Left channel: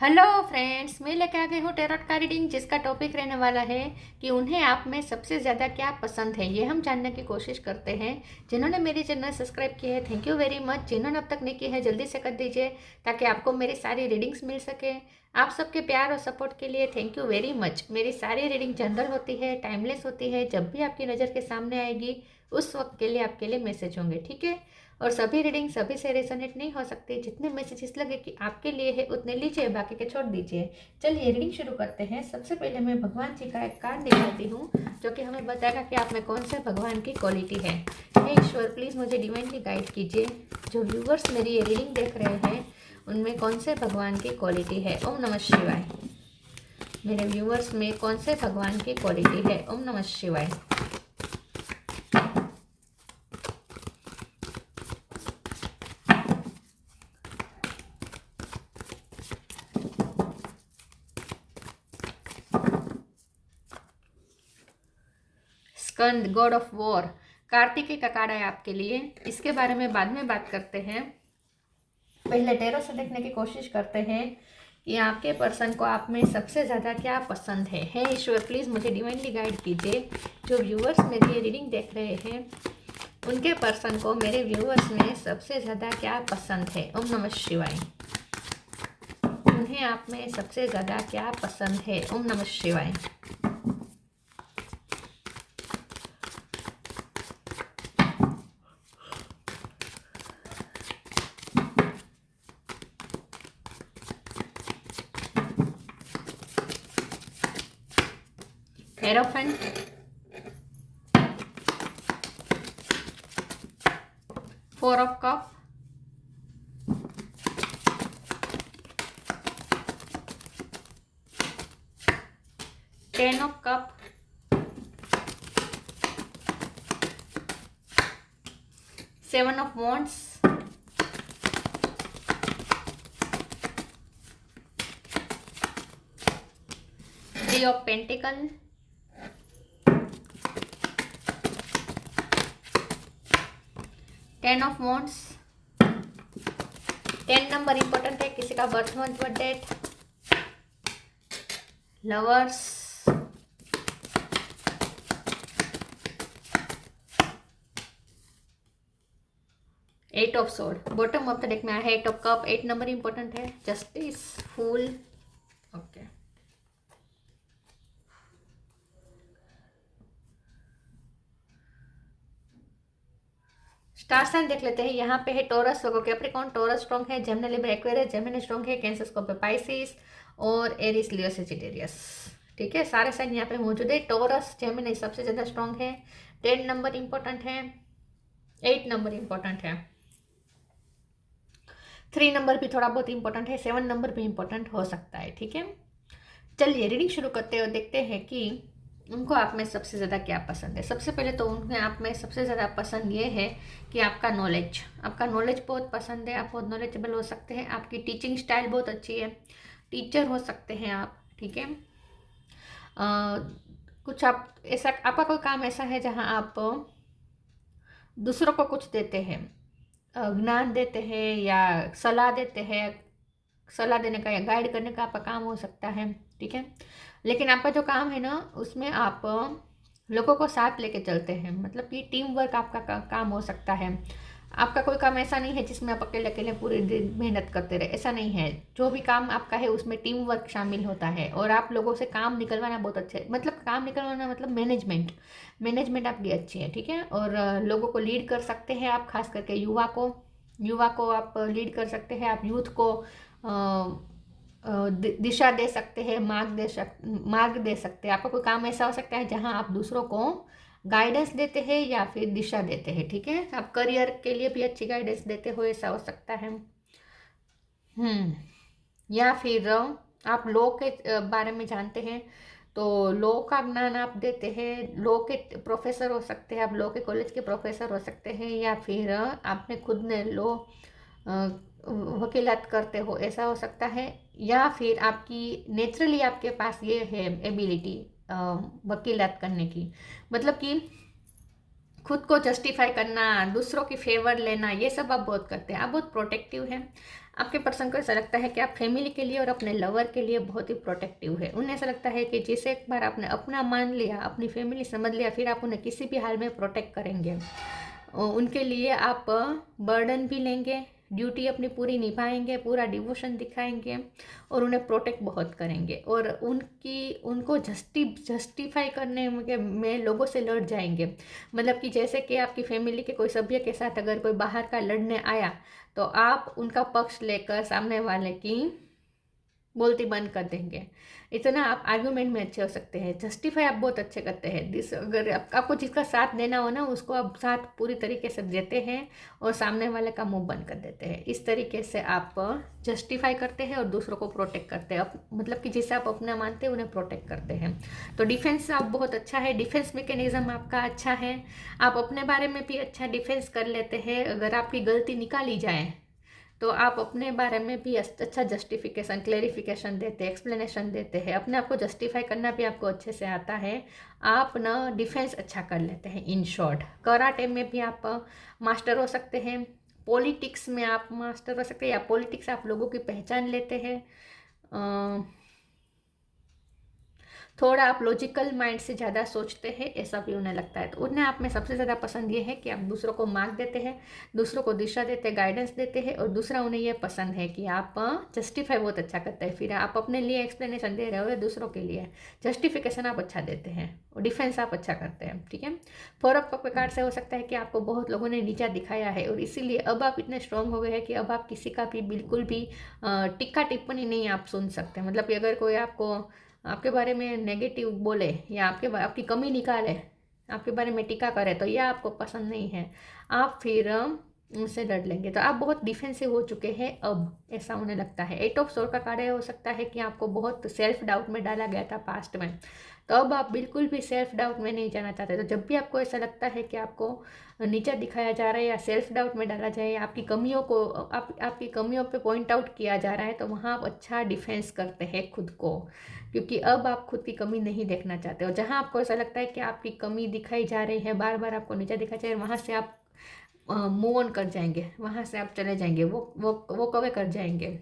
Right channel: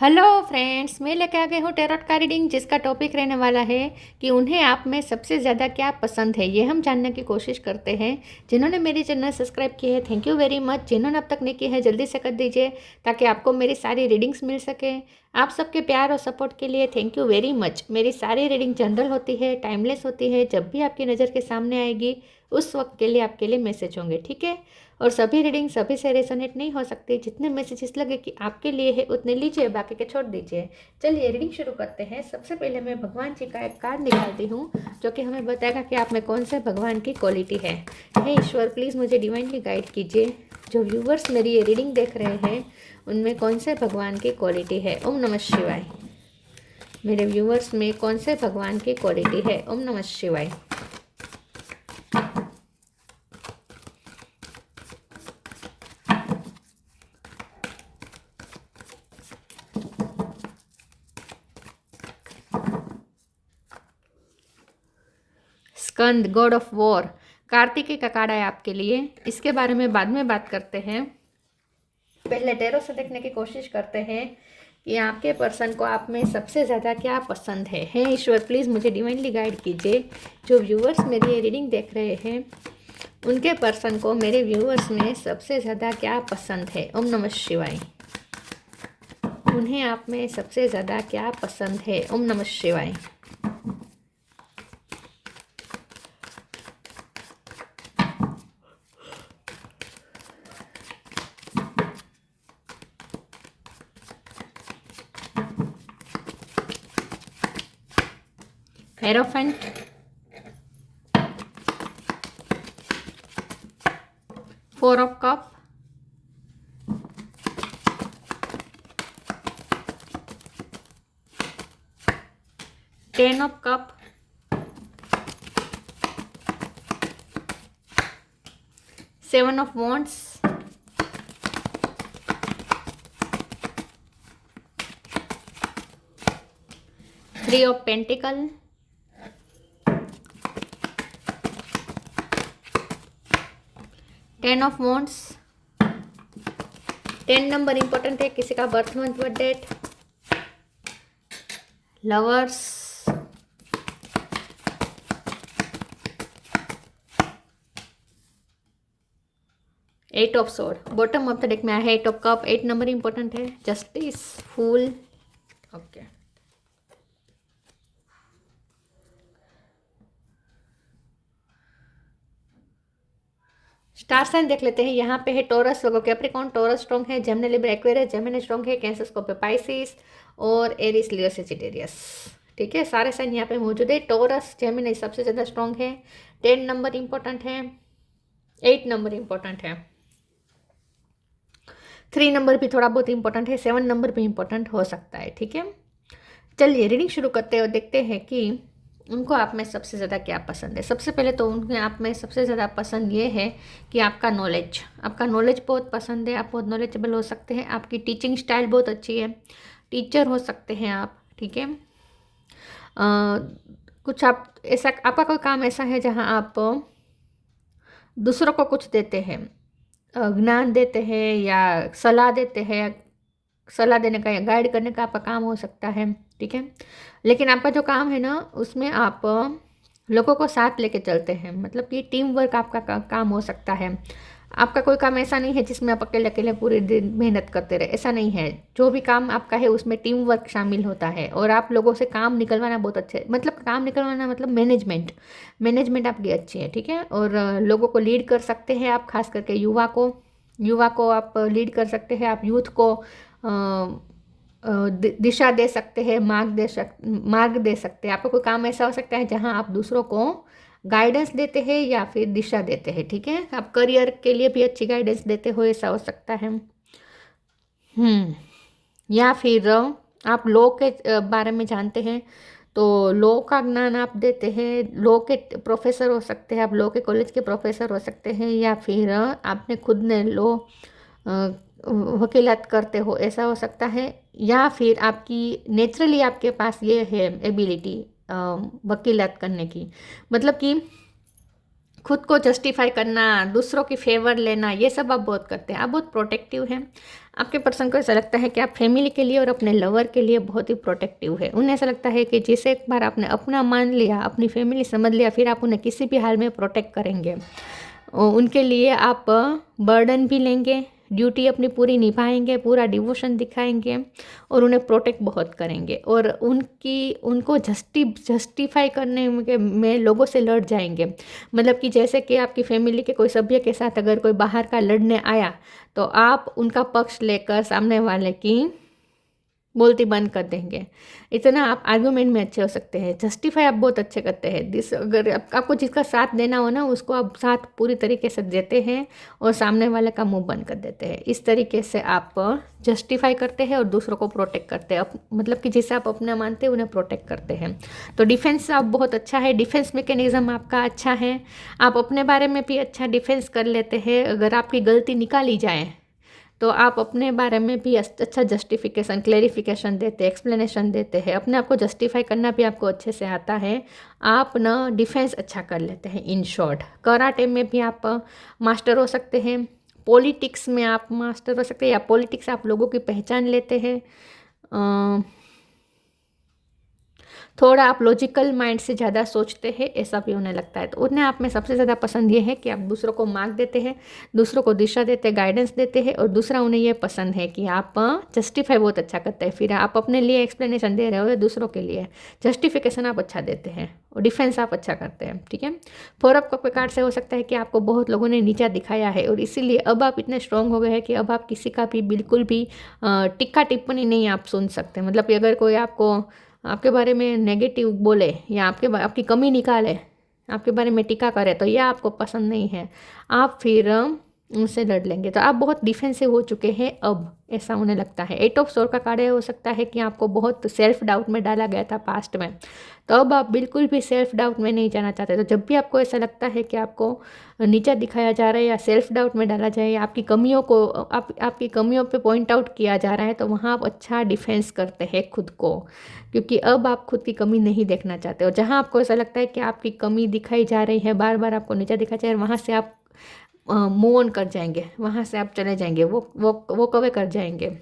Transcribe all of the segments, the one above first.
Hello friends, मैं लेके आ गई हूँ टैरोट का रीडिंग, जिसका टॉपिक रहने वाला है कि उन्हें आप में सबसे ज़्यादा क्या पसंद है। ये हम जानने की कोशिश करते हैं। जिन्होंने मेरी चैनल सब्सक्राइब की है, थैंक यू वेरी मच। जिन्होंने अब तक नहीं की है, जल्दी से कर दीजिए ताकि आपको मेरी सारी रीडिंग्स मिल सके। आप सबके प्यार और सपोर्ट के लिए थैंक यू वेरी मच। मेरी सारी रीडिंग जनरल होती है, टाइमलेस होती है। जब भी आपकी नज़र के सामने आएगी उस वक्त के लिए आपके लिए मैसेज होंगे, ठीक है। और सभी रीडिंग सभी से रेजोनेट नहीं हो सकती। जितने मैसेजेस लगे कि आपके लिए है उतने लीजिए, बाकी के छोड़ दीजिए। चलिए रीडिंग शुरू करते हैं। सबसे पहले मैं भगवान जी का एक कार्ड निकालती हूँ जो कि हमें बताएगा कि आप में कौन से भगवान की क्वालिटी है। हे ईश्वर, प्लीज़ मुझे डिवाइनली गाइड कीजिए। जो व्यूवर्स मेरी ये रीडिंग देख रहे हैं उनमें कौन से भगवान की क्वालिटी है। ओम नमः शिवाय। मेरे व्यूवर्स में कौन से भगवान की क्वालिटी है। ओम नमः शिवाय। स्कंद, गॉड ऑफ वॉर, कार्तिकेय का कार्ड है आपके लिए। इसके बारे में बाद में बात करते हैं। पहले टैरो से देखने की कोशिश करते हैं कि आपके पर्सन को आप में सबसे ज़्यादा क्या पसंद है। हे ईश्वर, प्लीज़ मुझे डिवाइनली गाइड कीजिए। जो व्यूवर्स मेरी ये रीडिंग देख रहे हैं उनके पर्सन को मेरे व्यूवर्स में सबसे ज़्यादा क्या पसंद है। ओम नमः शिवाय। उन्हें आप में सबसे ज़्यादा क्या पसंद है। ओम नमः शिवाय। Hierophant, 4 of cup, 10 of cup, 7 of wands, 3 of pentacle, 10 of wands. 10 number important है। किसी का birth month, birth date, lovers, 8 of sword. Bottom of the deck में आया है 8 ऑफ कप। 8 नंबर इंपॉर्टेंट है। Justice, fool, okay. Star sign देख लेते हैं। यहाँ पे है टॉरस, लोगों कैप्रिकॉर्न, टॉरस स्ट्रॉन्ग है। Gemini, Libra, Aquarius, Gemini strong है। कैंसर, स्कॉर्पियो, पाइसिस और एरिस, लियो, सेजिटेरियस। ठीक है, सारे साइन यहाँ पे मौजूद है। टॉरस, जेमिनी सबसे ज़्यादा स्ट्रॉन्ग है। 10 नंबर इंपॉर्टेंट है। 8 नंबर इंपॉर्टेंट है। 3 नंबर भी थोड़ा बहुत इंपॉर्टेंट है। 7 नंबर भी इंपॉर्टेंट हो सकता है। ठीक है, चलिए रीडिंग शुरू करते हैं और देखते हैं कि उनको आप में सबसे ज़्यादा क्या पसंद है। सबसे पहले तो उनके आप में सबसे ज़्यादा पसंद ये है कि आपका नॉलेज बहुत पसंद है। आप बहुत नॉलेजेबल हो सकते हैं। आपकी टीचिंग स्टाइल बहुत अच्छी है। टीचर हो सकते हैं आप। ठीक है, कुछ आप ऐसा, आपका कोई काम ऐसा है जहाँ आप दूसरों को कुछ देते हैं, ज्ञान देते हैं या सलाह देते हैं। सलाह देने का या गाइड करने का आपका काम हो सकता है। ठीक है, लेकिन आपका जो काम है ना उसमें आप लोगों को साथ लेके चलते हैं। मतलब कि टीम वर्क आपका काम हो सकता है। आपका कोई काम ऐसा नहीं है जिसमें आप अकेले अकेले पूरे दिन मेहनत करते रहे, ऐसा नहीं है। जो भी काम आपका है उसमें टीम वर्क शामिल होता है और आप लोगों से काम निकलवाना बहुत अच्छे, मतलब काम निकलवाना मतलब मैनेजमेंट आपकी अच्छी है। ठीक है, और लोगों को लीड कर सकते हैं आप, खास करके युवा को आप लीड कर सकते हैं। आप यूथ को दिशा दे सकते हैं, मार्ग दे सकते हैं। आपका कोई काम ऐसा हो सकता है जहां आप दूसरों को गाइडेंस देते हैं या फिर दिशा देते हैं। ठीक है, आप करियर के लिए भी अच्छी गाइडेंस देते हो, ऐसा हो सकता है। या फिर आप लॉ के बारे में जानते हैं तो लॉ का ज्ञान आप देते हैं। लॉ के प्रोफेसर हो सकते हैं आप, लॉ के कॉलेज के प्रोफेसर हो सकते हैं, या फिर आपने खुद ने लॉ वकीलात करते हो, ऐसा हो सकता है। या फिर आपकी नेचुरली आपके पास ये है एबिलिटी वकीलात करने की। मतलब कि खुद को जस्टिफाई करना, दूसरों की फेवर लेना, ये सब आप बहुत करते हैं। आप बहुत प्रोटेक्टिव हैं। आपके पर्सन को ऐसा लगता है कि आप फैमिली के लिए और अपने लवर के लिए बहुत ही प्रोटेक्टिव है। उन्हें ऐसा लगता है कि जिसे एक बार आपने अपना मान लिया, अपनी फैमिली समझ लिया, फिर आप उन्हें किसी भी हाल में प्रोटेक्ट करेंगे। उनके लिए आप बर्डन भी लेंगे, ड्यूटी अपनी पूरी निभाएंगे, पूरा डिवोशन दिखाएंगे और उन्हें प्रोटेक्ट बहुत करेंगे। और उनको जस्टिफाई करने में लोगों से लड़ जाएंगे। मतलब कि जैसे कि आपकी फैमिली के कोई सभ्य के साथ अगर कोई बाहर का लड़ने आया तो आप उनका पक्ष लेकर सामने वाले की बोलती बंद कर देंगे। इतना आप आर्गूमेंट में अच्छे हो सकते हैं। जस्टिफाई आप बहुत अच्छे करते हैं। अगर आपको जिसका साथ देना हो ना, उसको आप साथ पूरी तरीके से देते हैं और सामने वाले का मुंह बंद कर देते हैं। इस तरीके से आप जस्टिफाई करते हैं और दूसरों को प्रोटेक्ट करते हैं। मतलब कि जिसे आप अपना मानते हैं उन्हें प्रोटेक्ट करते हैं। तो डिफेंस आप बहुत अच्छा है, डिफेंस मैकेनिज्म आपका अच्छा है। आप अपने बारे में भी अच्छा डिफेंस कर लेते हैं। अगर आपकी गलती निकाली जाए तो आप अपने बारे में भी अच्छा जस्टिफिकेशन, क्लेरिफिकेशन देते हैं, एक्सप्लेनेशन देते हैं। अपने आप को जस्टिफाई करना भी आपको अच्छे से आता है। आप ना डिफेंस अच्छा कर लेते हैं। इन शॉर्ट, कराटे में भी आप मास्टर हो सकते हैं, पॉलिटिक्स में आप मास्टर हो सकते हैं, या पॉलिटिक्स आप लोगों की पहचान लेते हैं। थोड़ा आप लॉजिकल माइंड से ज़्यादा सोचते हैं, ऐसा भी उन्हें लगता है। तो उन्हें आप में सबसे ज़्यादा पसंद ये है कि आप दूसरों को मार्क देते हैं, दूसरों को दिशा देते हैं, गाइडेंस देते हैं। और दूसरा, उन्हें ये पसंद है कि आप जस्टिफाई बहुत अच्छा करते हैं। फिर आप अपने लिए एक्सप्लेनेशन दे रहे हो या दूसरों के लिए जस्टिफिकेशन आप अच्छा देते हैं और डिफेंस आप अच्छा करते हैं। ठीक है। 4 ऑफ कप कार्ड से हो सकता है कि आपको बहुत लोगों ने नीचा दिखाया है और इसीलिए अब आप इतने स्ट्रांग हो गए हैं कि अब आप किसी का भी बिल्कुल भी टिक्का टिप्पणी नहीं आप सुन सकते। मतलब कि अगर कोई आपके बारे में नेगेटिव बोले या आपकी कमी निकाले, आपके बारे में टीका करे, तो यह आपको पसंद नहीं है। आप फिर उनसे लड़ लेंगे। तो आप बहुत डिफेंसिव हो चुके हैं अब, ऐसा उन्हें लगता है। 8 ऑफ सोर्ड का कार्ड हो सकता है कि आपको बहुत सेल्फ डाउट में डाला गया था पास्ट में, तो अब आप बिल्कुल भी सेल्फ डाउट में नहीं जाना चाहते। तो जब भी आपको ऐसा लगता है कि आपको नीचा दिखाया जा रहा है या सेल्फ डाउट में डाला जाए या आपकी कमियों को आपकी कमियों पे पॉइंट आउट किया जा रहा है, तो वहाँ आप अच्छा डिफेंस करते हैं खुद को, क्योंकि अब आप खुद की कमी नहीं देखना चाहते। और जहाँ आपको ऐसा लगता है कि आपकी कमी दिखाई जा रही है, बार बार आपको नीचा दिखाया जा रहा है, वहाँ से आप मूव ऑन कर जाएंगे, वहाँ से आप चले जाएंगे, वो कवे कर जाएंगे।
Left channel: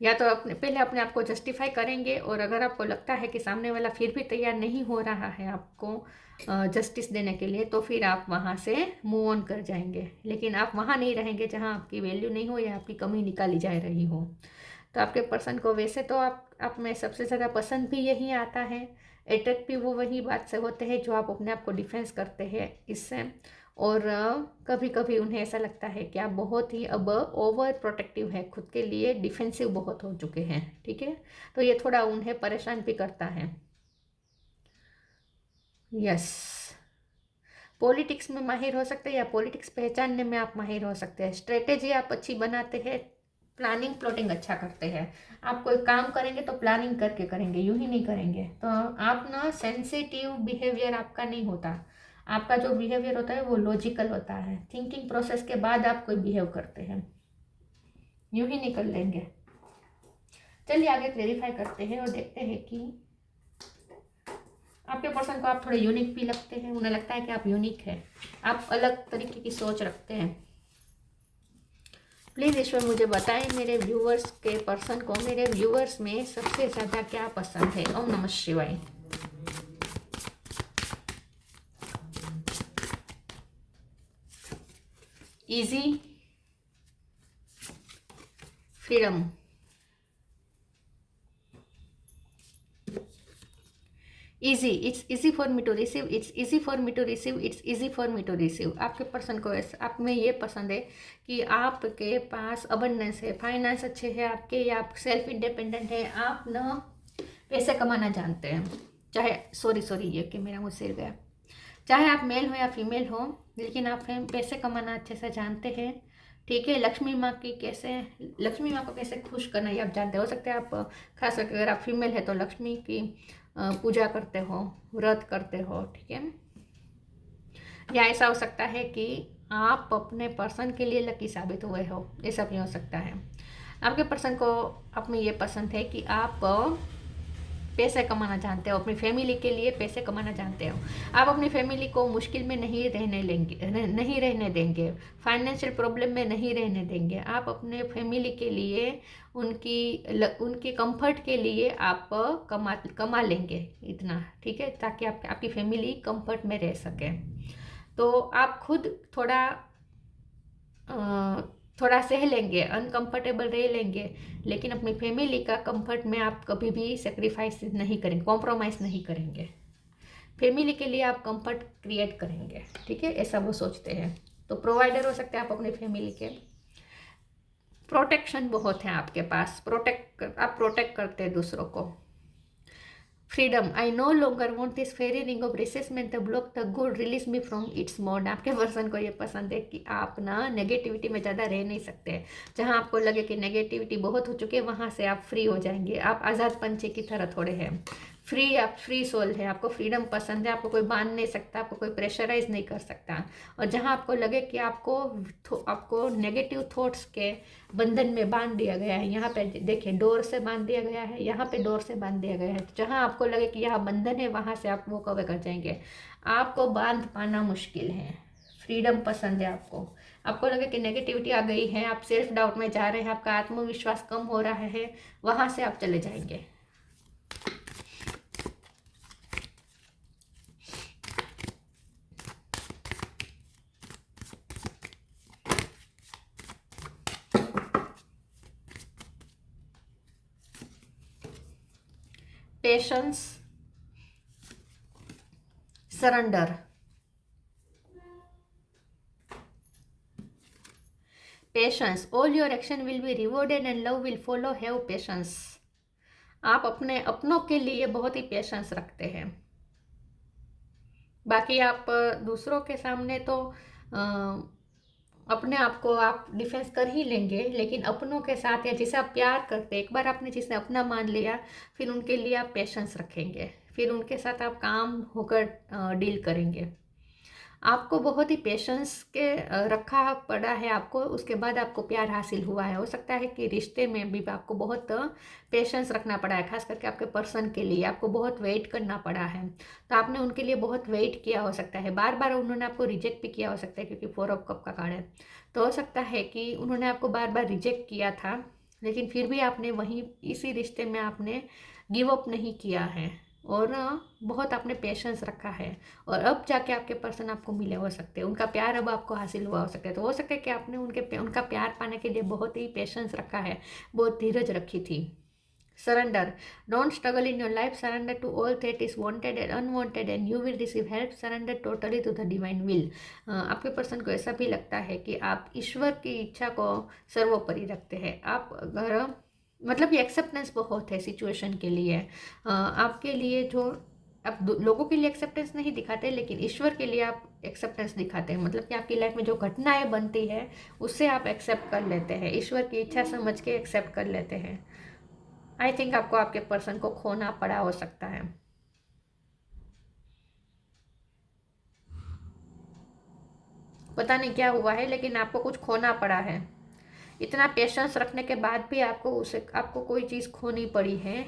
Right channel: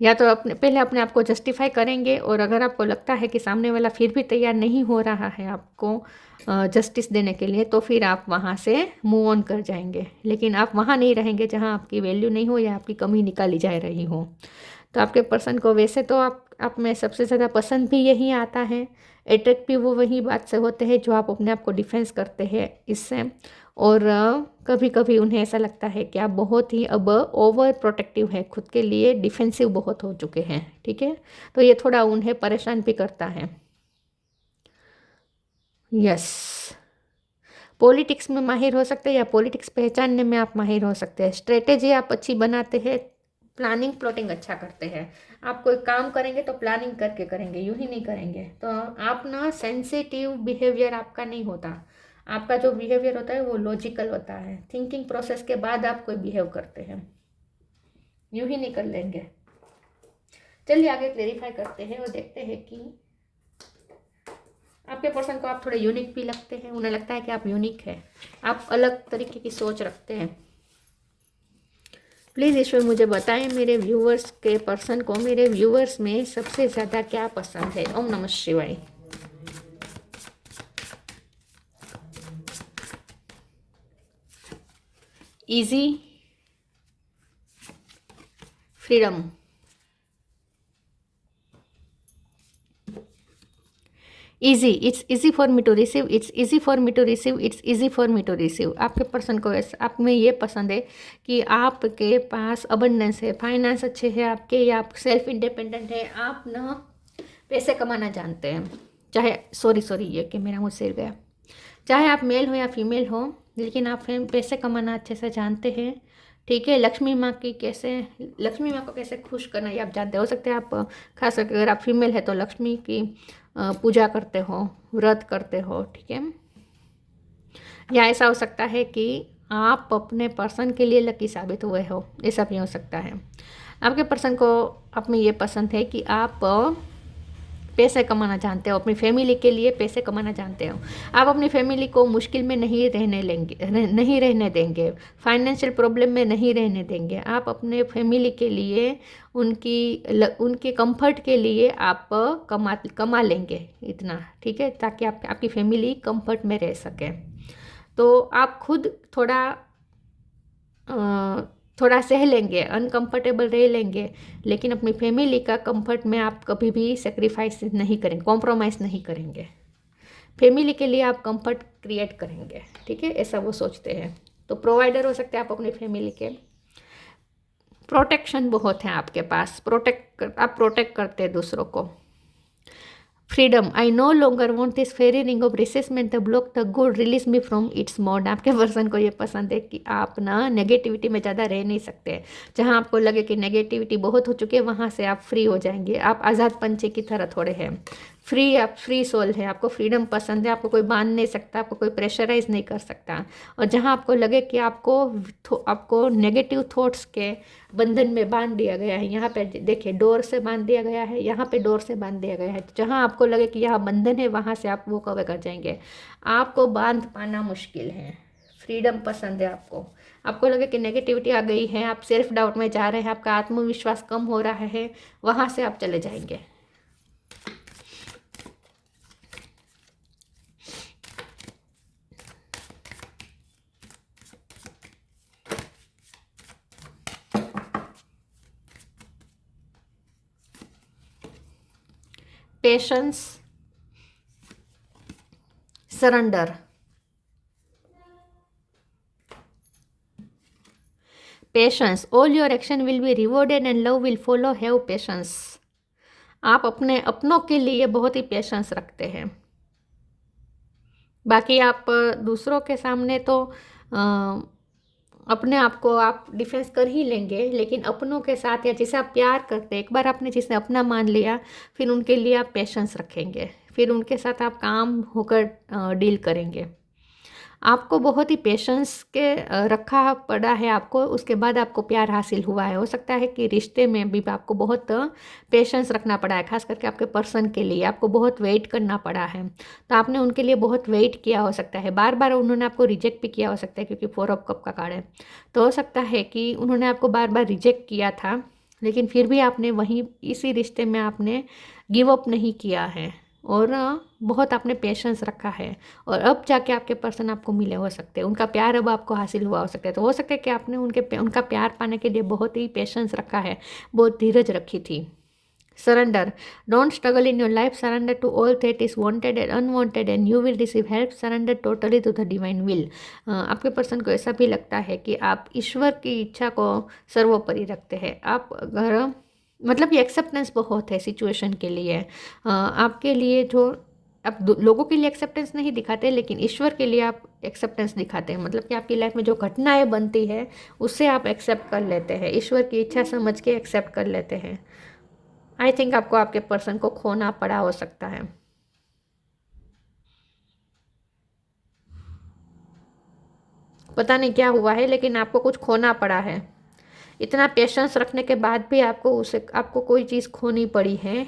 या तो पहले अपने आप को जस्टिफाई करेंगे, और अगर आपको लगता है कि सामने वाला फिर भी तैयार नहीं हो रहा है आपको जस्टिस देने के लिए, तो फिर आप वहाँ से मूव ऑन कर जाएंगे। लेकिन आप वहाँ नहीं रहेंगे जहाँ आपकी वैल्यू नहीं हो या आपकी कमी निकाली जा रही हो। तो आपके पर्सन को वैसे तो आप में सबसे ज़्यादा पसंद भी यही आता है, अट्रैक्ट भी वो वही बात से होते हैं जो आप अपने आप को डिफेंस करते हैं इससे। और कभी कभी उन्हें ऐसा लगता है कि आप बहुत ही अब ओवर प्रोटेक्टिव है, खुद के लिए डिफेंसिव बहुत हो चुके हैं। ठीक है। तो ये थोड़ा उन्हें परेशान भी करता है। यस, पॉलिटिक्स में माहिर हो सकते हैं या पॉलिटिक्स पहचानने में आप माहिर हो सकते हैं। स्ट्रेटेजी आप अच्छी बनाते हैं, प्लानिंग प्लॉटिंग अच्छा करते हैं। आप कोई काम करेंगे तो प्लानिंग करके करेंगे, यूं ही नहीं करेंगे। तो आप ना सेंसिटिव बिहेवियर आपका नहीं होता। आपका जो बिहेवियर होता है वो लॉजिकल होता है। थिंकिंग प्रोसेस के बाद आप कोई बिहेव करते हैं, यूं ही नहीं कर लेंगे। चलिए आगे क्लेरिफाई करते हैं और देखते हैं कि आपके पर्सन को आप थोड़े यूनिक भी लगते हैं। उन्हें लगता है कि आप यूनिक हैं, आप अलग तरीके की सोच रखते हैं। प्लीज़ ईश्वर मुझे बताएं मेरे व्यूवर्स के पर्सन को, मेरे व्यूवर्स में सबसे ज़्यादा क्या पसंद है। ओम नमः शिवाय। Easy, freedom, easy, it's easy for me to receive, it's easy for me to receive, it's easy for me to receive. आपके पर्सन को आप में ये पसंद है कि आपके पास अबंडेंस है, फाइनेंस अच्छे है आपके, या आप सेल्फ इंडिपेंडेंट है। आप ना पैसे कमाना जानते हैं, चाहे सॉरी ये कि मेरा मुँह सिर गया, चाहे आप मेल हो या फीमेल हो, लेकिन आप पैसे कमाना अच्छे से जानते हैं। ठीक है। लक्ष्मी माँ को कैसे खुश करना ये आप जानते हो सकते हैं। आप खास करके अगर आप फीमेल है तो लक्ष्मी की पूजा करते हो, व्रत करते हो। ठीक है। या ऐसा हो सकता है कि आप अपने पर्सन के लिए लकी साबित हुए हो, ऐसा भी हो सकता है। आपके पर्सन को आप में ये पसंद है कि आप पैसे कमाना जानते हो, अपनी फैमिली के लिए पैसे कमाना जानते हो। आप अपनी फैमिली को मुश्किल में नहीं रहने देंगे, फाइनेंशियल प्रॉब्लम में नहीं रहने देंगे। आप अपने फैमिली के लिए उनके कंफर्ट के लिए आप कमा लेंगे इतना, ठीक है, ताकि आपकी फैमिली कंफर्ट में रह सके। तो आप खुद थोड़ा सह लेंगे, अनकंफर्टेबल रह लेंगे, लेकिन अपनी फैमिली का कंफर्ट में आप कभी भी सेक्रीफाइस नहीं करेंगे, कॉम्प्रोमाइज़ नहीं करेंगे। फैमिली के लिए आप कंफर्ट क्रिएट करेंगे, ठीक है, ऐसा वो सोचते हैं। तो प्रोवाइडर हो सकते हैं आप अपनी फैमिली के। प्रोटेक्शन बहुत है आपके पास, आप प्रोटेक्ट करते हैं दूसरों को। Freedom, I no longer want this fairy ring of resentment the block the good, release me from its mode. आपके पर्सन को ये पसंद है कि आप ना नेगेटिविटी में ज़्यादा रह नहीं सकते। जहाँ आपको लगे कि नेगेटिविटी बहुत हो चुकी है, वहाँ से आप फ्री हो जाएंगे। आप आज़ाद पंछी की तरह थोड़े हैं, आप फ्री सोल है, आपको फ्रीडम पसंद है, आपको कोई बांध नहीं सकता, आपको कोई प्रेशराइज नहीं कर सकता। और जहाँ आपको लगे कि आपको नेगेटिव थॉट्स के बंधन में बांध दिया गया है, यहाँ पे देखिए डोर से बांध दिया गया है, यहाँ पे डोर से बांध दिया गया है, जहाँ आपको लगे कि यहाँ बंधन है, वहाँ से आप वो कवर कर जाएंगे। आपको बांध पाना मुश्किल है, फ्रीडम पसंद है आपको लगे कि नेगेटिविटी आ गई है, आप सेल्फ डाउट में जा रहे हैं, आपका आत्मविश्वास कम हो रहा है, वहाँ से आप चले जाएंगे। Patience, surrender, patience, all your action will be rewarded and love will follow, have patience. आप अपने अपनों के लिए बहुत ही पेशेंस रखते हैं। बाकी आप दूसरों के सामने तो अपने आप को आप डिफेंस कर ही लेंगे, लेकिन अपनों के साथ या जिसे आप प्यार करते हैं, एक बार आपने जिसे अपना मान लिया, फिर उनके लिए आप पेशेंस रखेंगे, फिर उनके साथ आप काम होकर डील करेंगे। आपको बहुत ही पेशेंस के रखा पड़ा है आपको, उसके बाद आपको प्यार हासिल हुआ है। हो सकता है कि रिश्ते में भी आपको बहुत पेशेंस रखना पड़ा है, खास करके आपके पर्सन के लिए आपको बहुत वेट करना पड़ा है। तो आपने उनके लिए बहुत वेट किया हो सकता है, बार बार उन्होंने आपको रिजेक्ट भी किया हो सकता है, क्योंकि 4 ऑफ कप का कार्ड है। तो हो सकता है कि उन्होंने आपको बार बार रिजेक्ट किया था, लेकिन फिर भी आपने वहीं इसी रिश्ते में आपने गिव अप नहीं किया है और बहुत आपने पेशेंस रखा है, और अब जाके आपके पर्सन आपको मिले हो सकते हैं, उनका प्यार अब आपको हासिल हुआ हो सकता है। तो हो सकता है कि आपने उनका प्यार पाने के लिए बहुत ही पेशेंस रखा है, बहुत धीरज रखी थी। Surrender, don't struggle in your life, surrender to all that is wanted and unwanted and you will receive help, surrender totally to the divine will. आपके पर्सन को ऐसा भी लगता है कि आप ईश्वर की इच्छा को सर्वोपरि रखते हैं। आप अगर मतलब ये एक्सेप्टेंस बहुत है सिचुएशन के लिए, आपके लिए जो आप लोगों के लिए एक्सेप्टेंस नहीं दिखाते, लेकिन ईश्वर के लिए आप एक्सेप्टेंस दिखाते हैं। मतलब कि आपकी लाइफ में जो घटनाएं बनती है उससे आप एक्सेप्ट कर लेते हैं, ईश्वर की इच्छा समझ के एक्सेप्ट कर लेते हैं। आई थिंक आपको आपके पर्सन को खोना पड़ा हो सकता है। पता नहीं क्या हुआ है, लेकिन आपको कुछ खोना पड़ा है। इतना पेशेंस रखने के बाद भी आपको कोई चीज़ खोनी पड़ी है,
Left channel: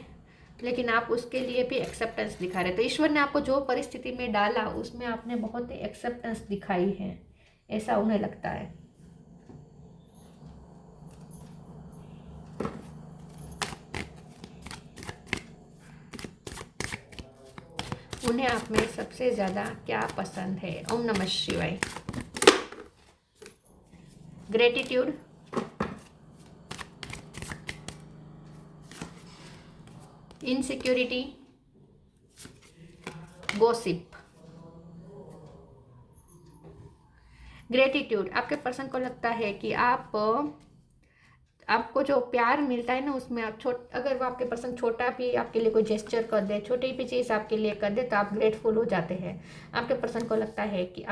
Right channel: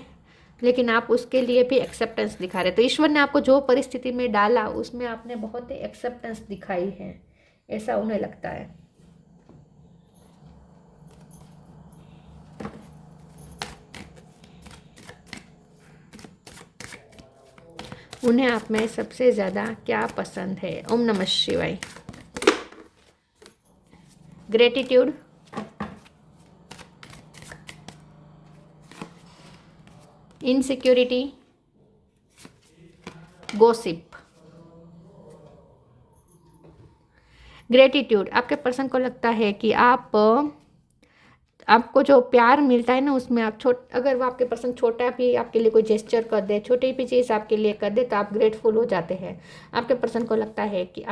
लेकिन आप उसके लिए भी एक्सेप्टेंस दिखा रहे। तो ईश्वर ने आपको जो परिस्थिति में डाला उसमें आपने बहुत ही एक्सेप्टेंस दिखाई है, ऐसा उन्हें लगता है। उन्हें आप में सबसे ज़्यादा क्या पसंद है? ओम नमः शिवाय। Gratitude, insecurity, gossip. ग्रेटिट्यूड, आपके पर्सन को लगता है कि आपको जो प्यार मिलता है ना, उसमें अगर वो आपके पर्सन छोटा भी आपके लिए कोई जेस्चर कर दे, छोटी भी चीज़ आपके लिए कर दे, तो आप ग्रेटफुल हो जाते हैं। आपके पर्सन को लगता है कि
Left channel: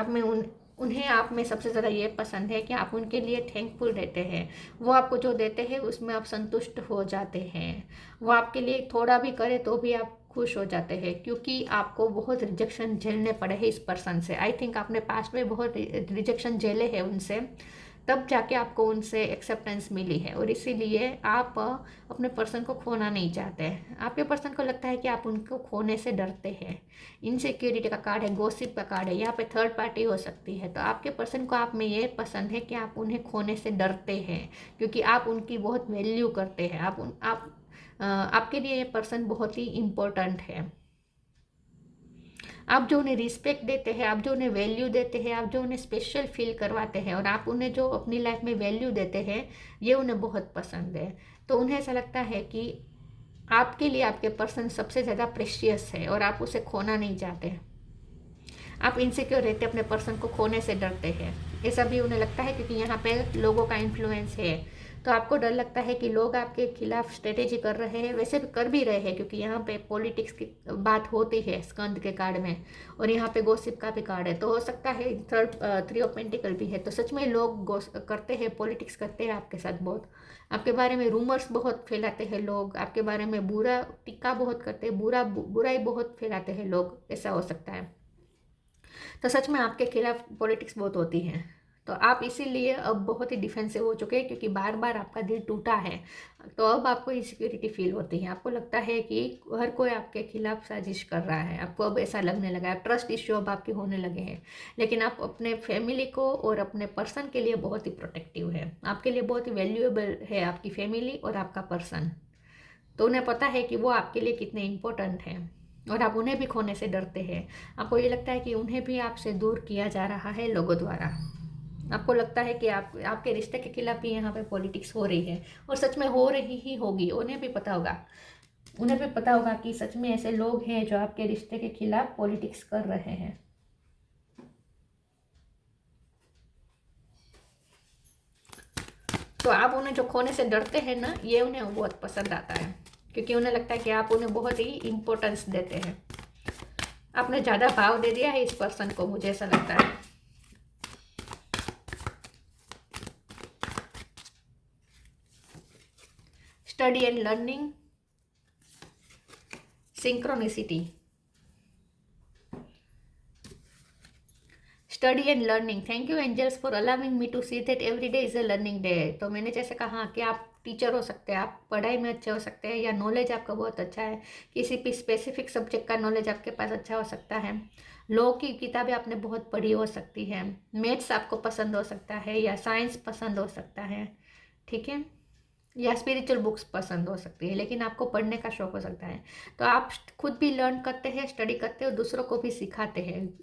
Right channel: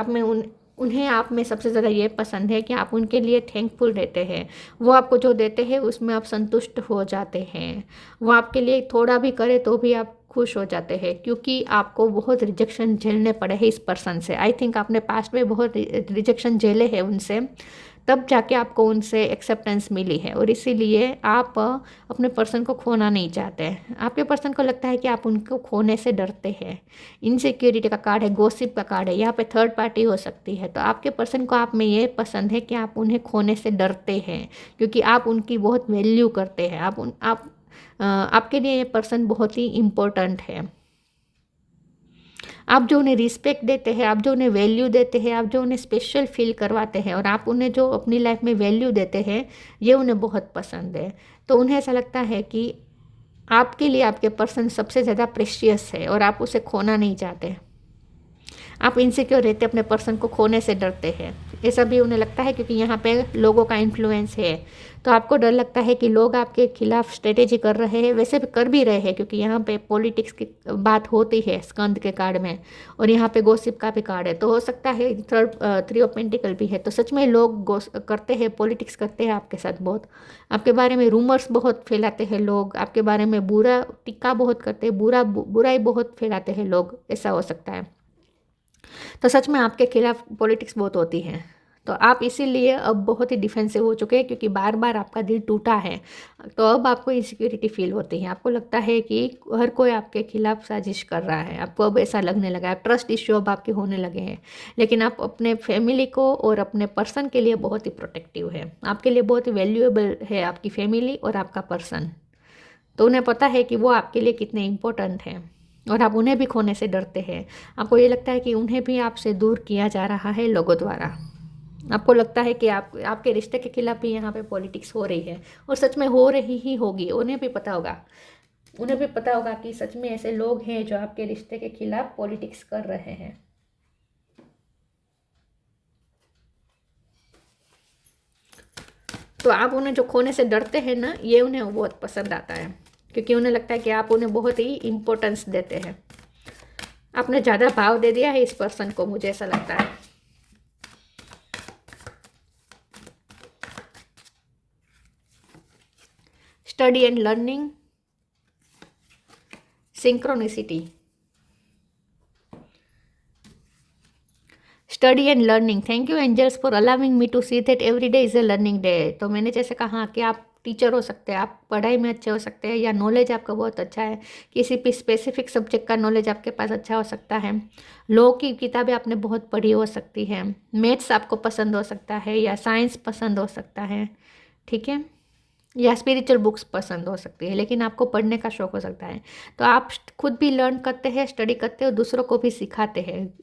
उन्हें आप में सबसे ज़्यादा ये पसंद है कि आप उनके लिए थैंकफुल रहते हैं। वो आपको जो देते हैं उसमें आप संतुष्ट हो जाते हैं। वो आपके लिए थोड़ा भी करे तो भी आप खुश हो जाते हैं, क्योंकि आपको बहुत रिजेक्शन झेलने पड़े हैं इस पर्सन से। आई थिंक आपने पास्ट में बहुत रिजेक्शन झेले हैं उनसे, तब जाके आपको उनसे एक्सेप्टेंस मिली है। और इसीलिए आप अपने पर्सन को खोना नहीं चाहते हैं। आपके पर्सन को लगता है कि आप उनको खोने से डरते हैं। इनसिक्योरिटी का कार्ड है, गॉसिप का कार्ड है, यहाँ पे थर्ड पार्टी हो सकती है। तो आपके पर्सन को आप में ये पसंद है कि आप उन्हें खोने से डरते हैं, क्योंकि आप उनकी बहुत वैल्यू करते हैं। आपके लिए ये पर्सन बहुत ही इम्पोर्टेंट है। आप जो उन्हें रिस्पेक्ट देते हैं, आप जो उन्हें वैल्यू देते हैं, आप जो उन्हें स्पेशल फील करवाते हैं, और आप उन्हें जो अपनी लाइफ में वैल्यू देते हैं, ये उन्हें बहुत पसंद है। तो उन्हें ऐसा लगता है कि आपके लिए आपके पर्सन सबसे ज़्यादा प्रेशियस है और आप उसे खोना नहीं चाहते। आप इनसिक्योर रहते, अपने पर्सन को खोने से डरते हैं। ऐसा भी उन्हें लगता है क्योंकि यहाँ पे लोगों का इन्फ्लुएंस है। तो आपको डर लगता है कि लोग आपके खिलाफ स्ट्रेटेजी कर रहे हैं, वैसे भी कर भी रहे हैं, क्योंकि यहाँ पे पॉलिटिक्स की बात होती है स्कंद के कार्ड में, और यहाँ पे गॉसिप का भी कार्ड है। तो हो सकता है थ्री ऑफ पेंटिकल भी है। तो सच में लोग करते हैं, पॉलिटिक्स करते हैं आपके साथ बहुत। आपके बारे में रूमर्स बहुत फैलाते हैं लोग, आपके बारे में बुरा टिक्का बहुत करते हैं, बुराई बहुत फैलाते हैं लोग, ऐसा हो सकता है। तो सच में आपके खिलाफ पॉलिटिक्स बहुत होती है। तो आप इसीलिए अब बहुत ही डिफेंसिव हो चुके हैं, क्योंकि बार बार आपका दिल टूटा है। तो अब आपको इनसिक्योरिटी फील होती है। आपको लगता है कि हर कोई आपके खिलाफ साजिश कर रहा है। आपको अब ऐसा लगने लगा है, ट्रस्ट इश्यू अब आपके होने लगे हैं। लेकिन आप अपने फैमिली को और अपने पर्सन के लिए बहुत ही प्रोटेक्टिव है। आपके लिए बहुत ही वैल्यूएबल है आपकी फैमिली और आपका पर्सन। तो उन्हें पता है कि वो आपके लिए कितने इम्पोर्टेंट हैं, और आप उन्हें भी खोने से डरते हैं। आपको ये लगता है कि उन्हें भी आपसे दूर किया जा रहा है लोगों द्वारा। आपको लगता है कि आपके रिश्ते के खिलाफ भी यहाँ पे पॉलिटिक्स हो रही है, और सच में हो रही ही होगी। उन्हें भी पता होगा, उन्हें भी पता होगा कि सच में ऐसे लोग हैं जो आपके रिश्ते के खिलाफ पॉलिटिक्स कर रहे हैं। तो आप उन्हें जो खोने से डरते हैं ना, ये उन्हें बहुत पसंद आता है, क्योंकि उन्हें लगता है कि आप उन्हें बहुत ही इम्पोर्टेंस देते हैं। आपने ज़्यादा भाव दे दिया है इस पर्सन को, मुझे ऐसा लगता है। Study and learning, synchronicity, study and learning. Thank you angels for allowing me to see that every day is a learning day. तो मैंने जैसे कहा कि आप टीचर हो सकते हैं, आप पढ़ाई में अच्छे हो सकते हैं, या नॉलेज आपका बहुत अच्छा है, किसी भी स्पेसिफिक सब्जेक्ट का नॉलेज आपके पास अच्छा हो सकता है। लॉ की किताबें आपने बहुत पढ़ी हो सकती है, मैथ्स आपको पसंद हो सकता है, या साइंस पसंद हो सकता है, ठीक है, या स्पिरिचुअल बुक्स पसंद हो सकती है, लेकिन आपको पढ़ने का शौक हो सकता है। तो आप खुद भी लर्न करते हैं, स्टडी करते हो, दूसरों को भी सिखाते हैं।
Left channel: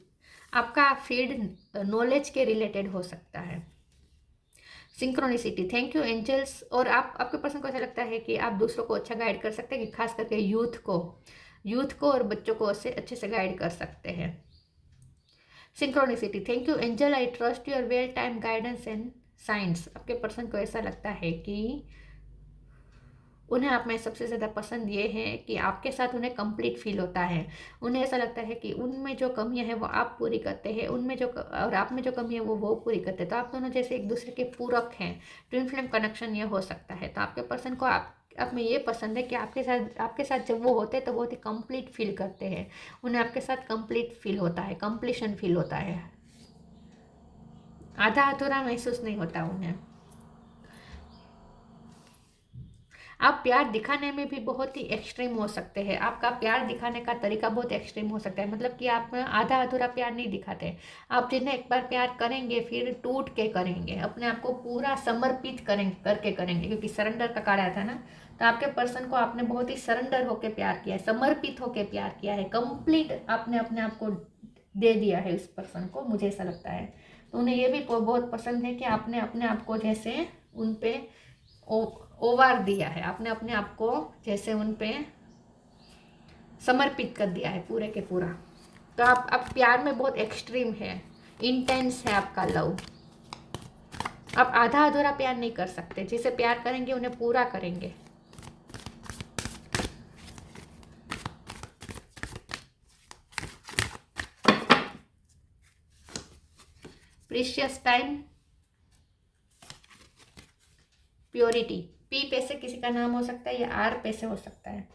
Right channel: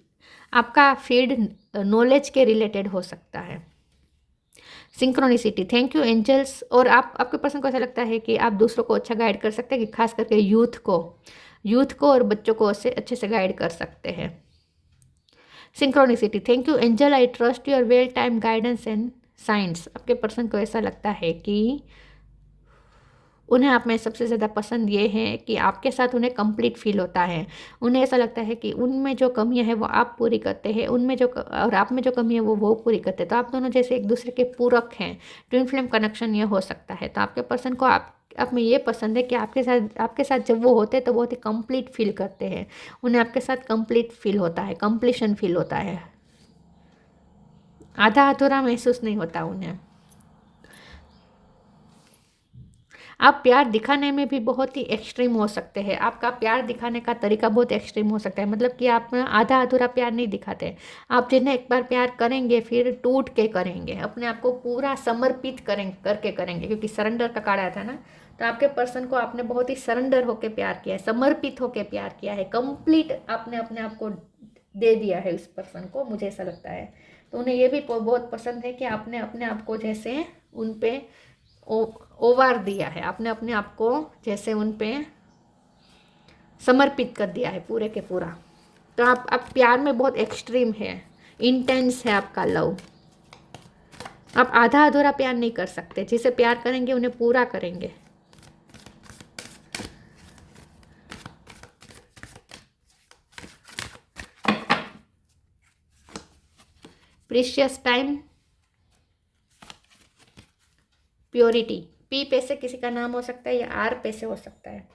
आपका फील्ड नॉलेज के रिलेटेड हो सकता है। Synchronicity, thank you angels. और आपके पर्सन को ऐसा लगता है कि आप दूसरों को अच्छा गाइड कर सकते हैं, कि खास करके यूथ को और बच्चों को अच्छे से गाइड कर सकते हैं। Synchronicity, thank you angel, I trust your well time guidance and science. आपके पर्सन को ऐसा लगता है कि उन्हें आप में सबसे ज़्यादा पसंद ये है कि आपके साथ उन्हें कंप्लीट फील होता है। उन्हें ऐसा लगता है कि उनमें जो कमियां हैं वो आप पूरी करते हैं, और आप में जो कमी है वो पूरी करते हैं। तो आप दोनों जैसे एक दूसरे के पूरक हैं, ट्विन फ्लेम कनेक्शन ये हो सकता है। तो आपके पर्सन को आप में ये पसंद है कि आपके साथ जब वो होते हैं तो बहुत ही कंप्लीट फील करते हैं। उन्हें आपके साथ कंप्लीट फील होता है, कंप्लीशन फील होता है, आधा अधूरा महसूस नहीं होता उन्हें। आप प्यार दिखाने में भी बहुत ही एक्सट्रीम हो सकते हैं। आपका प्यार दिखाने का तरीका बहुत एक्सट्रीम हो सकता है, मतलब कि आप आधा अधूरा प्यार नहीं दिखाते। आप जिन्हें एक बार प्यार करेंगे फिर टूट के करेंगे, अपने आप को पूरा समर्पित करके करेंगे, क्योंकि सरेंडर का कार्ड आया था ना। तो आपके पर्सन को आपने बहुत ही सरेंडर होकर प्यार किया है, समर्पित होकर प्यार किया है, कंप्लीट आपने अपने आप को दे दिया है उस पर्सन को, मुझे ऐसा लगता है। तो उन्हें ये भी बहुत पसंद है कि आपने अपने आप को जैसे उन पे ओवार दिया है, आपने अपने आप को जैसे उन पे समर्पित कर दिया है पूरे के पूरा। तो आप प्यार में बहुत एक्सट्रीम है, इंटेंस है आपका लव। आप आधा अधूरा प्यार नहीं कर सकते, जिसे प्यार करेंगे उन्हें पूरा करेंगे। Precious time, purity. पी पे से किसी का नाम हो सकता है, या आर पे से हो सकता है।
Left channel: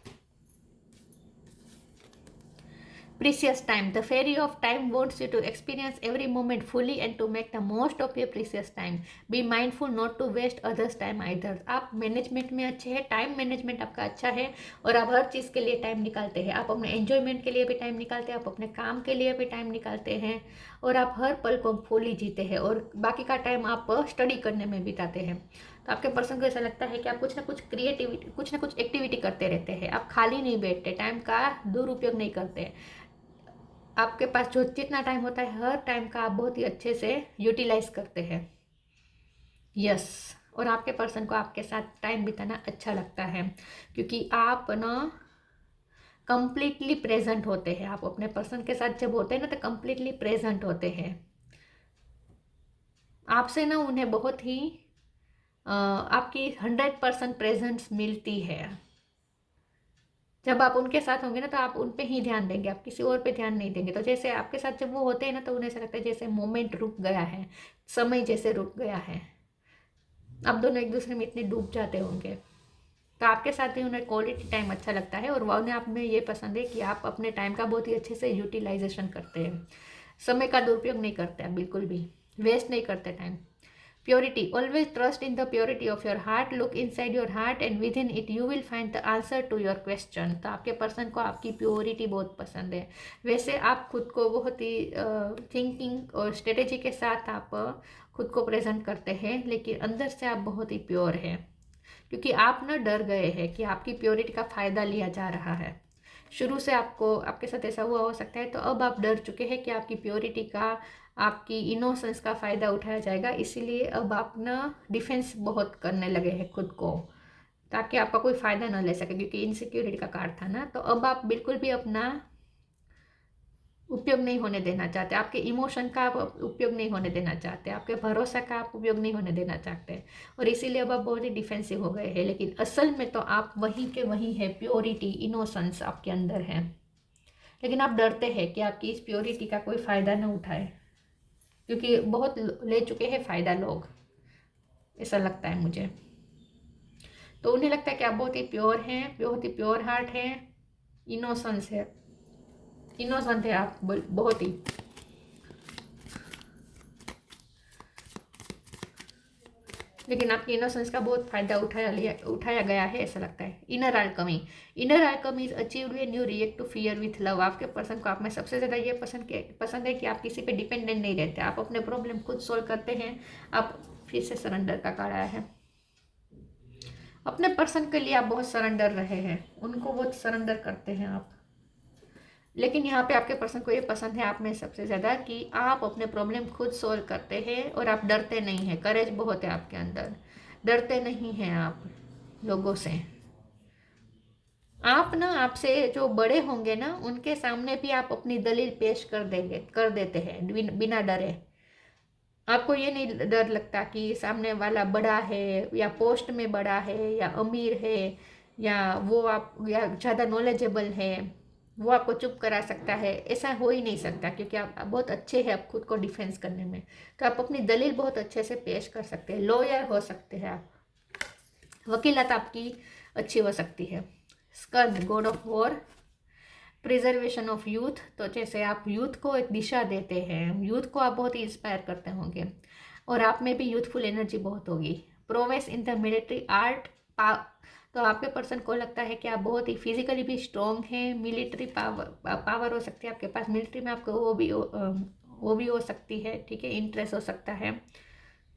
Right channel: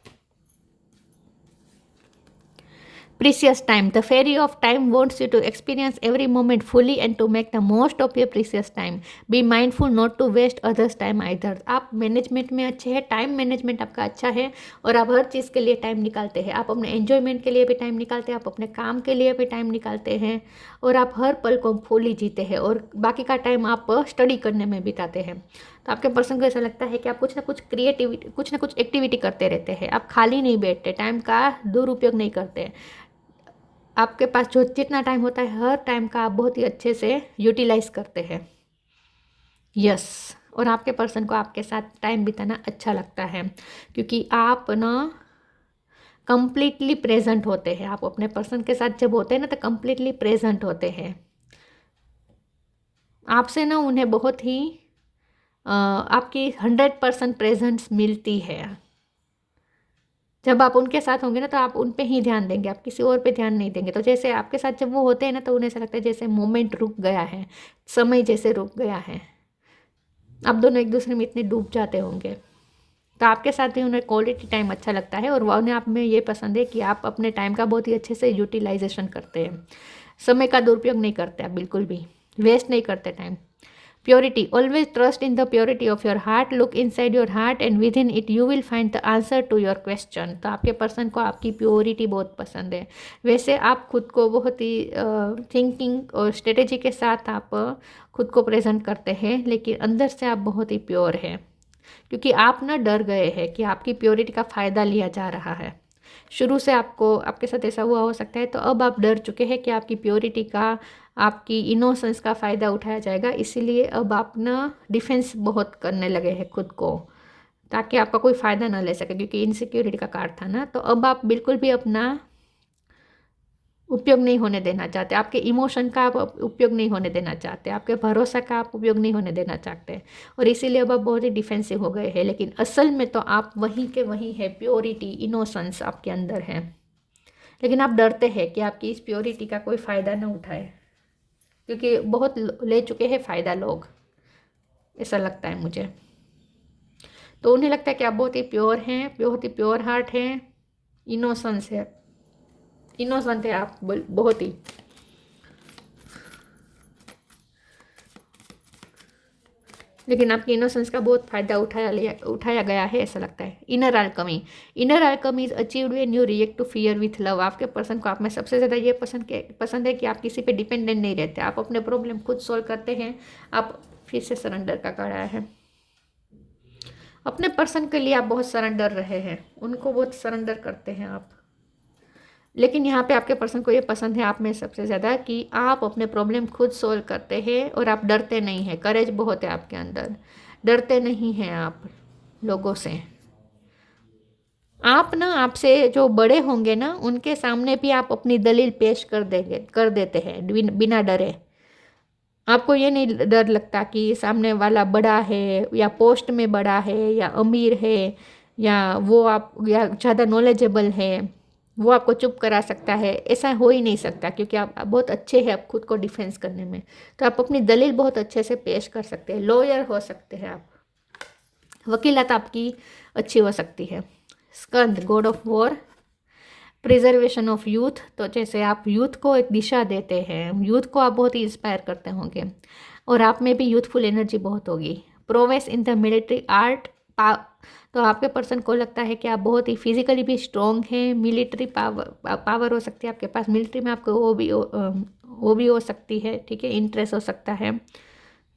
Precious time. The fairy of time wants you to experience every moment fully and to make the most of your precious time. Be mindful not to waste others time either. आप management में अच्छे हैं, time management आपका अच्छा है और आप हर चीज़ के लिए टाइम निकालते हैं। आप अपने एन्जॉयमेंट के लिए भी टाइम निकालते हैं, आप अपने काम के लिए भी टाइम निकालते हैं और आप हर पल को फुली जीते हैं और बाकी का टाइम आप स्टडी करने में बिताते हैं। तो आपके पर्सन को ऐसा लगता है कि आप कुछ ना कुछ क्रिएटिविटी, कुछ ना कुछ एक्टिविटी करते रहते हैं। आप खाली नहीं बैठते, टाइम का दुरुपयोग नहीं करते। आपके पास जो जितना टाइम होता है हर टाइम का आप बहुत ही अच्छे से यूटिलाइज करते हैं। यस, और आपके पर्सन को आपके साथ टाइम बिताना अच्छा लगता है क्योंकि आप ना कंप्लीटली प्रेजेंट होते हैं। आप अपने पर्सन के साथ जब होते हैं ना तो कंप्लीटली प्रेजेंट होते हैं। आपसे ना उन्हें बहुत ही आपकी 100% प्रेजेंस मिलती है। जब आप उनके साथ होंगे ना तो आप उन पे ही ध्यान देंगे, आप किसी और पे ध्यान नहीं देंगे। तो जैसे आपके साथ जब वो होते हैं ना तो उन्हें ऐसा लगता है जैसे मोमेंट रुक गया है, समय जैसे रुक गया है। आप दोनों एक दूसरे में इतने डूब जाते होंगे। तो आपके साथ भी उन्हें क्वालिटी टाइम अच्छा लगता है और उन्हें आप में ये पसंद है कि आप अपने टाइम का बहुत ही अच्छे से यूटिलाइजेशन करते हैं। समय का दुरुपयोग नहीं करते आप, बिल्कुल भी वेस्ट नहीं करते time. Purity. Always trust in the purity of your heart. Look inside your heart and within it you will find the answer to your question. तो आपके पर्सन को आपकी प्योरिटी बहुत पसंद है। वैसे आप खुद को बहुत ही थिंकिंग और स्ट्रेटेजी के साथ आप खुद को प्रेजेंट करते हैं, लेकिन अंदर से आप बहुत ही प्योर हैं क्योंकि आप ना डर गए हैं कि आपकी प्योरिटी का फ़ायदा लिया जा रहा है। शुरू से आपको आपके साथ ऐसा हुआ हो सकता है, तो अब आप डर चुके हैं कि आपकी प्योरिटी का, आपकी इनोसेंस का फ़ायदा उठाया जाएगा। इसीलिए अब आप ना डिफेंस बहुत करने लगे हैं खुद को, ताकि आपका कोई फ़ायदा ना ले सके, क्योंकि इनसिक्योरिटी का कार्ड था ना। तो अब आप बिल्कुल भी अपना उपयोग नहीं होने देना चाहते, आपके इमोशन का आप उपयोग नहीं होने देना चाहते, आपके भरोसा का आप उपयोग नहीं होने देना चाहते और इसीलिए अब आप बहुत ही डिफेंसिव हो गए हैं। लेकिन असल में तो आप वहीं के वहीं है, प्योरिटी, इनोसेंस आपके अंदर है। लेकिन आप डरते हैं कि आपकी इस प्योरिटी का कोई फ़ायदा ना उठाए, क्योंकि बहुत ले चुके हैं फ़ायदा लोग, ऐसा लगता है मुझे। तो उन्हें लगता है कि आप बहुत ही प्योर हैं, बहुत ही प्योर हार्ट हैं, इनोसेंस है, इनोसेंट है आप बहुत ही। लेकिन आपकी इनोसेंस का बहुत फायदा उठाया गया है, ऐसा लगता है। Inner alchemy. Inner alchemy is achieved when you react to fear with love. आपके पर्सन को आप में सबसे ज़्यादा ये पसंद है कि आप किसी पे डिपेंडेंट नहीं रहते, आप अपने प्रॉब्लम खुद सॉल्व करते हैं। आप फिर से सरेंडर का कार्ड आया है। अपने पर्सन के लिए आप बहुत सरेंडर रहे हैं, उनको बहुत सरेंडर करते हैं आप। लेकिन यहाँ पे आपके पर्सन को ये पसंद है आप में सबसे ज़्यादा कि आप अपने प्रॉब्लम खुद सोल्व करते हैं और आप डरते नहीं हैं। करेज बहुत है आपके अंदर, डरते नहीं हैं आप लोगों से। आप ना, आपसे जो बड़े होंगे ना उनके सामने भी आप अपनी दलील पेश कर देते हैं बिना डरे। आपको ये नहीं डर लगता कि सामने वाला बड़ा है या पोस्ट में बड़ा है या अमीर है या वो आप या ज़्यादा नॉलेजेबल है, वो आपको चुप करा सकता है। ऐसा हो ही नहीं सकता क्योंकि आप बहुत अच्छे हैं आप खुद को डिफेंस करने में। तो आप अपनी दलील बहुत अच्छे से पेश कर सकते हैं, लॉयर हो सकते हैं आप, वकीलात आपकी अच्छी हो सकती है। Skanda, god of war, preservation of youth. तो जैसे आप यूथ को एक दिशा देते हैं, यूथ को आप बहुत ही इंस्पायर करते होंगे और आप में भी यूथफुल एनर्जी बहुत होगी। Prowess in the military art. तो आपके पर्सन को लगता है कि आप बहुत ही फिजिकली भी स्ट्रॉन्ग हैं। मिलिट्री पावर हो सकती है आपके पास, मिलिट्री में आपको वो भी हो सकती है, ठीक है, इंटरेस्ट हो सकता है,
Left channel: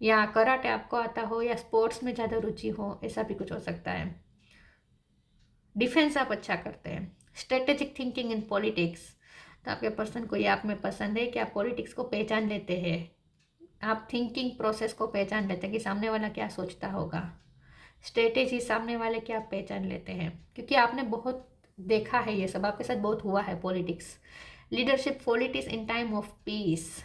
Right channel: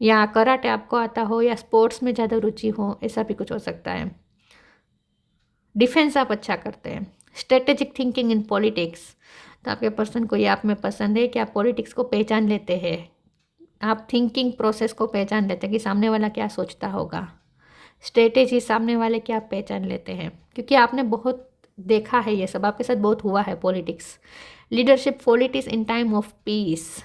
या कराटे आपको आता हो या स्पोर्ट्स में ज़्यादा रुचि हो, ऐसा भी कुछ हो सकता है। डिफेंस आप अच्छा करते हैं। Strategic thinking in politics. तो आपके पर्सन को ये आप में पसंद है कि आप पॉलिटिक्स को पहचान लेते हैं, आप थिंकिंग प्रोसेस को पहचान लेते हैं कि सामने वाला क्या सोचता होगा। स्ट्रेटेजी, सामने वाले की आप पहचान लेते हैं क्योंकि आपने बहुत देखा है, ये सब आपके साथ बहुत हुआ है politics. Leadership qualities in time of peace.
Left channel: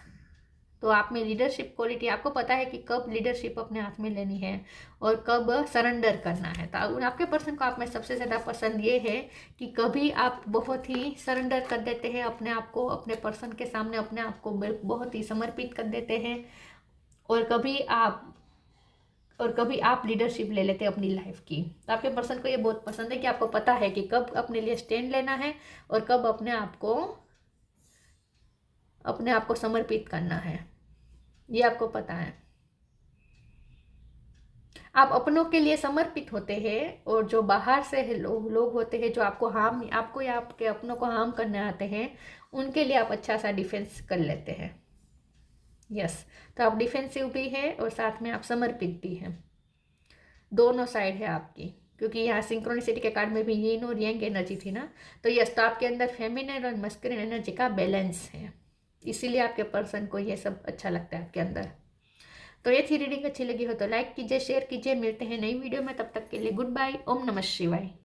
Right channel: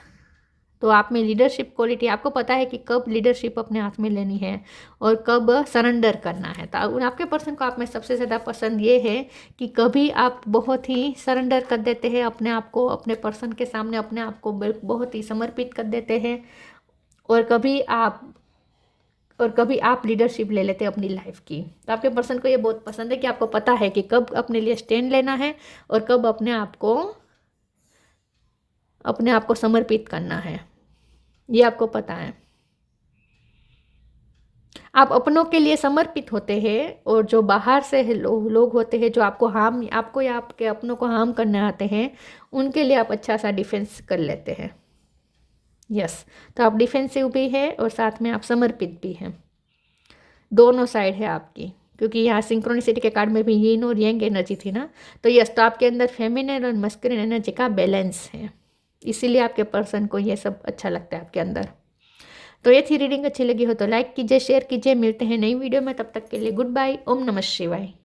तो आप में लीडरशिप क्वालिटी, आपको पता है कि कब लीडरशिप अपने हाथ में लेनी है और कब सरेंडर करना है। तो आपके पर्सन को आप में सबसे ज़्यादा पसंद ये है कि कभी आप बहुत ही सरेंडर कर देते हैं अपने आप को, अपने पर्सन के सामने अपने आप को बहुत ही समर्पित कर देते हैं, और कभी आप लीडरशिप ले लेते हैं अपनी लाइफ की। तो आपके पर्सन को ये बहुत पसंद है कि आपको पता है कि कब अपने लिए स्टैंड लेना है और कब अपने आप को अपने आप को समर्पित करना है, ये आपको पता है। आप अपनों के लिए समर्पित होते हैं, और जो बाहर से लोग होते हैं जो आपको या आपके अपनों को हार्म करने आते हैं, उनके लिए आप अच्छा सा डिफेंस कर लेते हैं। यस, तो आप डिफेंसिव भी है और साथ में आप समर्पित भी हैं, दोनों साइड है आपकी, क्योंकि यहाँ सिंक्रोनिसिटी के कार्ड में भी यीन और यंग एनर्जी थी ना। तो यस, तो आपके अंदर फेमिनिन और मस्कुलिन एनर्जी का बैलेंस है, इसीलिए आपके पर्सन को ये सब अच्छा लगता है आपके अंदर। तो ये थी रीडिंग, अच्छी लगी हो तो लाइक कीजिए, शेयर कीजिए। मिलते हैं नई वीडियो में, तब तक के लिए गुड बाय। ओम नमः शिवाय।